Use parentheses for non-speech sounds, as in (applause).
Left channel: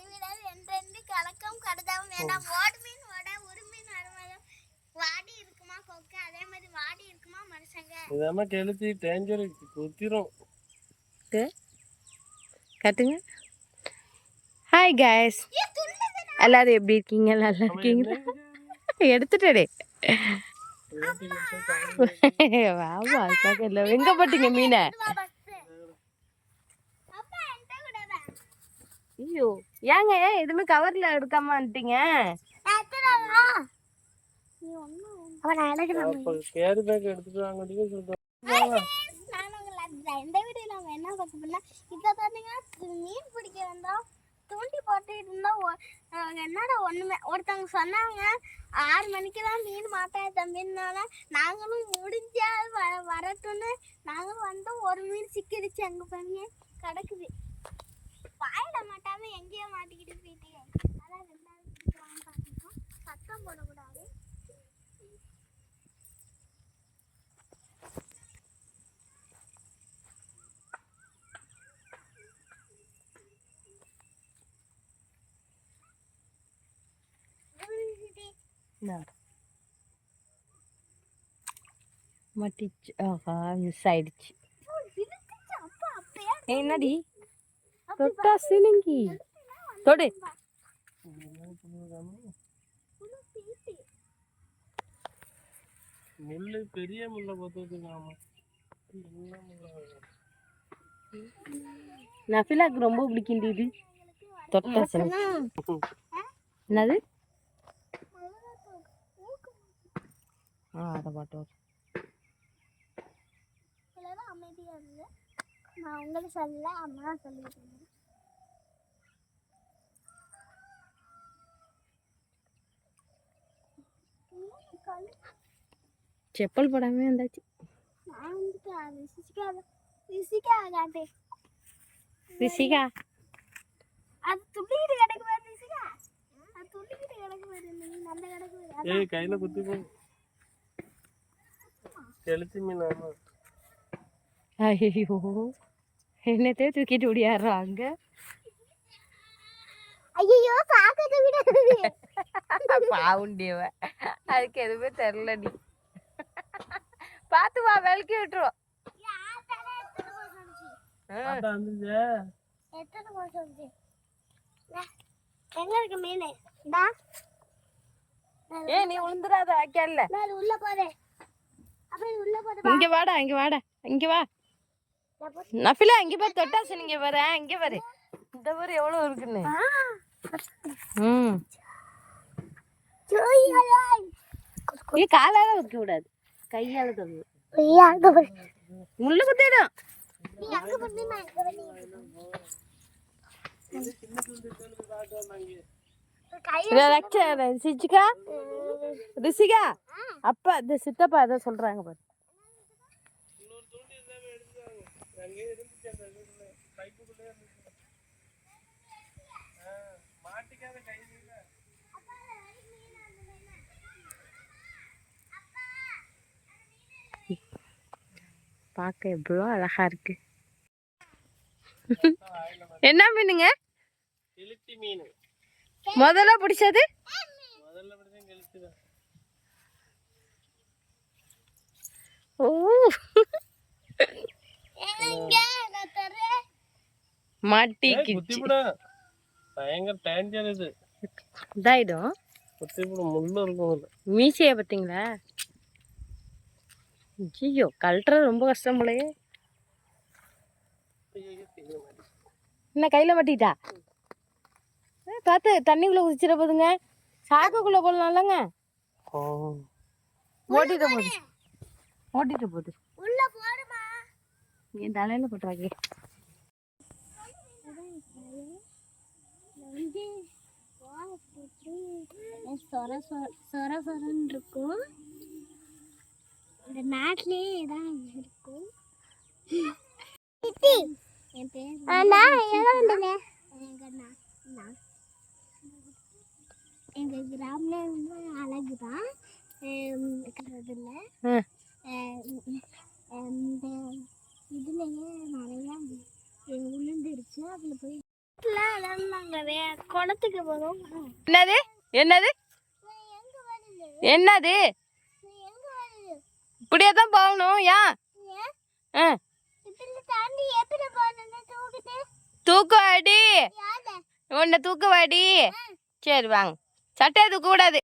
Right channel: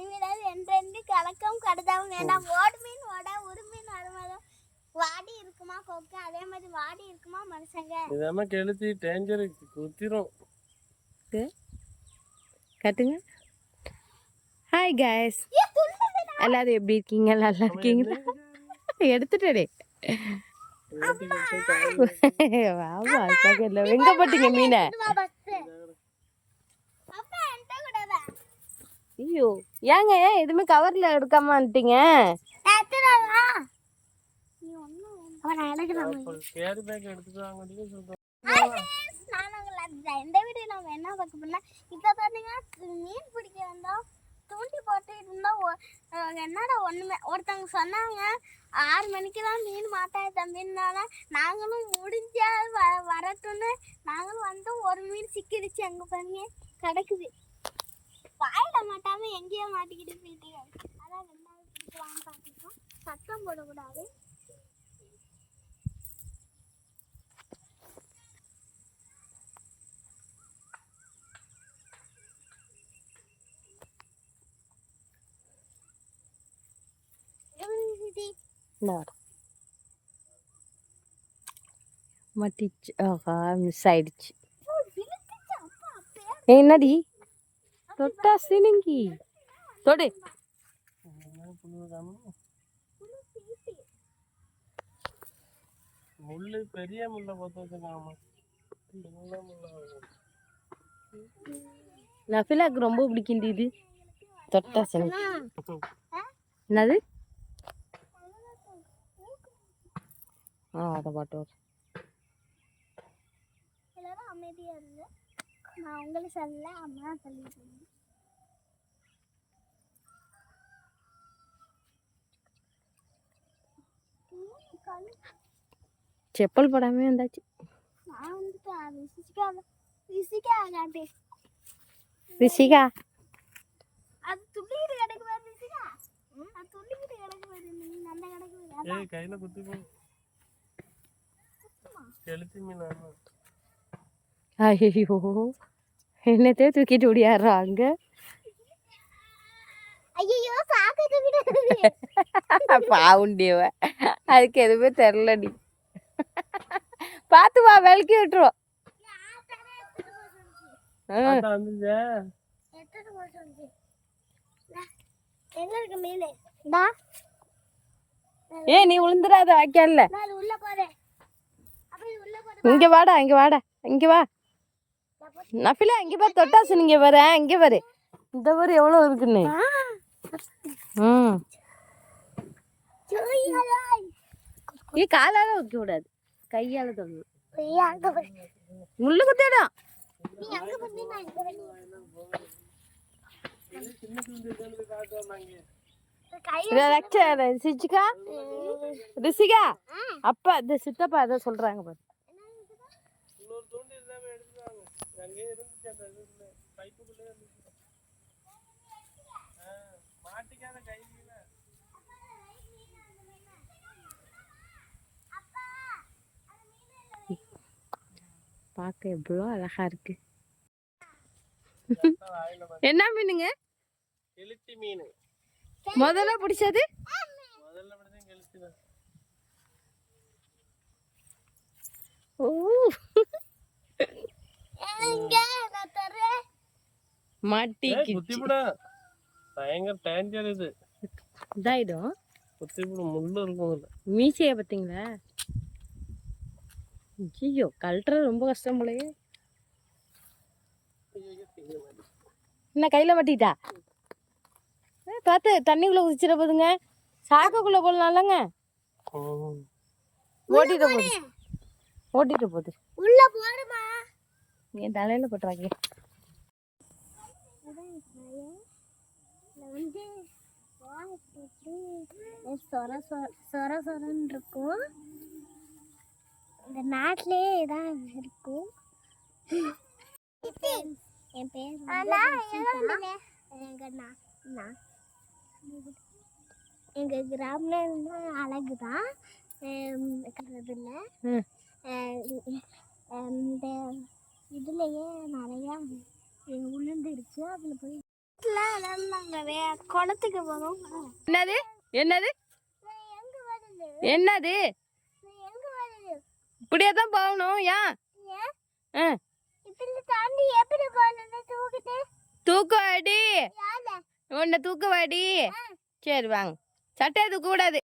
அறிவிடாது என்றென்று கலக்கம் கடுதாவும் வேண்டாம். ஓடு மீன் ஓட உருமீன் அருமதம் வாடி இருக்குமா கொக்கு? அதே மாதிரி வாடி இருக்குமா மனுஷங்க? இதாம கெளுத்தி டேஞ்சர் குத்திரும். கட்டுங்க. Hi guys. எல்லாரும் எப்படி இருக்கீங்க? நல்லா இருக்கீங்களா? எடுத்துட்டே (laughs) வாமா அதுக்காக இல்லை எங்க போட்டீங்க மீனை அப்பா என்கிட்ட கூட வா. ஐயோ. ஏங்க எதுவுமே கவர்ல எடுக்காம வந்துட்டீங்க? இந்த வீடியோ நம்ம என்ன பார்க்க போனா இப்போ பார்த்தீங்கன்னா மீன் பிடிக்க வந்தோம் தூண்டி போட்டுட்டு இருந்தோம் என்னடா ஒன்றுமே ஒருத்தவங்க சொன்னாங்க ஆறு மணிக்கு தான் மீன் மாட்டாது தம்பினால நாங்களும் முடிஞ்சா வ வரட்டும்னு. நாங்களும் வந்து ஒரு மீன் சிக்கிடுச்சு அங்கே பாருங்க கிடக்குது. வாயில மாட்டாம எங்கேயோ மாட்டிக்கிட்டு போயிட்டீங்க அதான் பிடிக்கலாம்னு பார்த்துருக்கோம். சத்தம் போடக்கூடாது. மட்டிச்சு. ஆஹா மிஸ் ஆயிடுச்சு. விழுந்துச்சு. தொட்டா சினுங்கி. தொடு. முள்ளு பெரிய முள்ள பார்த்து வச்சுக்காம சின்ன முள்ளா நஃபிலாக்கு ரொம்ப பிடிக்கும் இது. தொட்டா சினுங்கி. என்னது? ஆ அதை பாட்டு எல்லாரும் அமைதியா இருந்து நான் உங்களை சொல்லல அம்மா சொல்லிட்டு இருந்தேன் மீன் கழு- செப்பல் போடாமே வந்தாச்சு நான் வந்துட்டு அது ரிசிக்கா ரிசிக்கா காட்டு ரிஷிகா அது துள்ளிக்கிட்டு கிடக்கு பாரு ரிசிகா அது துள்ளிக்கிட்டு கிடக்கு பாரு நீ நல்ல கிடக்கு பாரு. அதான் ஏய் கையில குத்தி போ கெளுத்தி மீன் ஆமா ஐயோ என்னத்தே தூக்கிட்டு ஓடியாடுறாங்க. ஐயோ சாக்கத்தை விட பாவுண்டியவ. அதுக்கு எதுவுமே தெரிலடி பார்த்து வா விளக்கி விட்டுருவோம் ம். தாத்தா வந்துச்சா. எத்தனை மாசம் வந்து எங்க இருக்கு மீன்? டா. ஏய் நீ விழுந்துடாத வைக்கல இங்க வாடா இங்க வாடா இங்க வா. நஃபிலா இங்க பாரு தொட்டாசு நீங்க வர இங்க பாரு. இந்த பாரு எவ்வளவு இருக்குன்னு? ம் நீ காலால வைக்க கூடாது. கையால தொடு முள்ளு குத்திடும் ரிஷிகா அப்பா இந்த சித்தப்பா ஏதோ சொல்றாங்க பாரு. அங்கேயே இருந்துச்சு அந்த இதுல பைப்புக்குள்ளே இருந்துச்சு. ஆ, மாட்டிக்காத கையில பார்க்க எவ்வளோ அழகா இருக்கு. என்ன மீனுங்க? கெளுத்தி மீன். முதல்ல பிடிச்சது? முதல்ல அப்படிதான் கெளுத்தி தான். மாட்டிக்கு குத்திவிட பயங்கர டேஞ்சர் இது. இதாயிடும் குத்திவிட முள்ளு இருக்கும் மீசையை பார்த்தீங்களா? ஐயோ கழட்டுறது ரொம்ப கஷ்டம் போலயே. என்ன கையில் மாட்டிட்டா ஏ, பார்த்து தண்ணிக்குள்ளே குதிச்சிட போதுங்க. சாக்குக்குள்ளே போடலாம்லங்க. ஆ. ஓட்டிட போகுது. ஓட்டிட்டு போகுது. உள்ள போடுமா. என் தலையில் போட்டுறாங்க வந்து சொர சொர சொர சொரன்னு இருக்கும் இந்த நாட்டிலே தான் இருக்கும் என் பேர் எங்க நான் நான் எங்க கிராமம் அழகு தான் இல்லை இந்த இதுலயே நிறையா உளுந்து இருக்கு அதில் போய் இல்லை நாங்கள் வே குளத்துக்கு போகிறோம் என்னது? என்னது? என்னது? இப்படியே தான் போகணும். ஏன்? ஏன்? ஆ இப்படி தாண்டி எப்படி போகணுன்னு தூக்கிட்டு? தூக்கு அடி. யாரு? உன்னை தூக்கு வாடி சரி வாங்க. சட்டையை தூக்க கூடாது.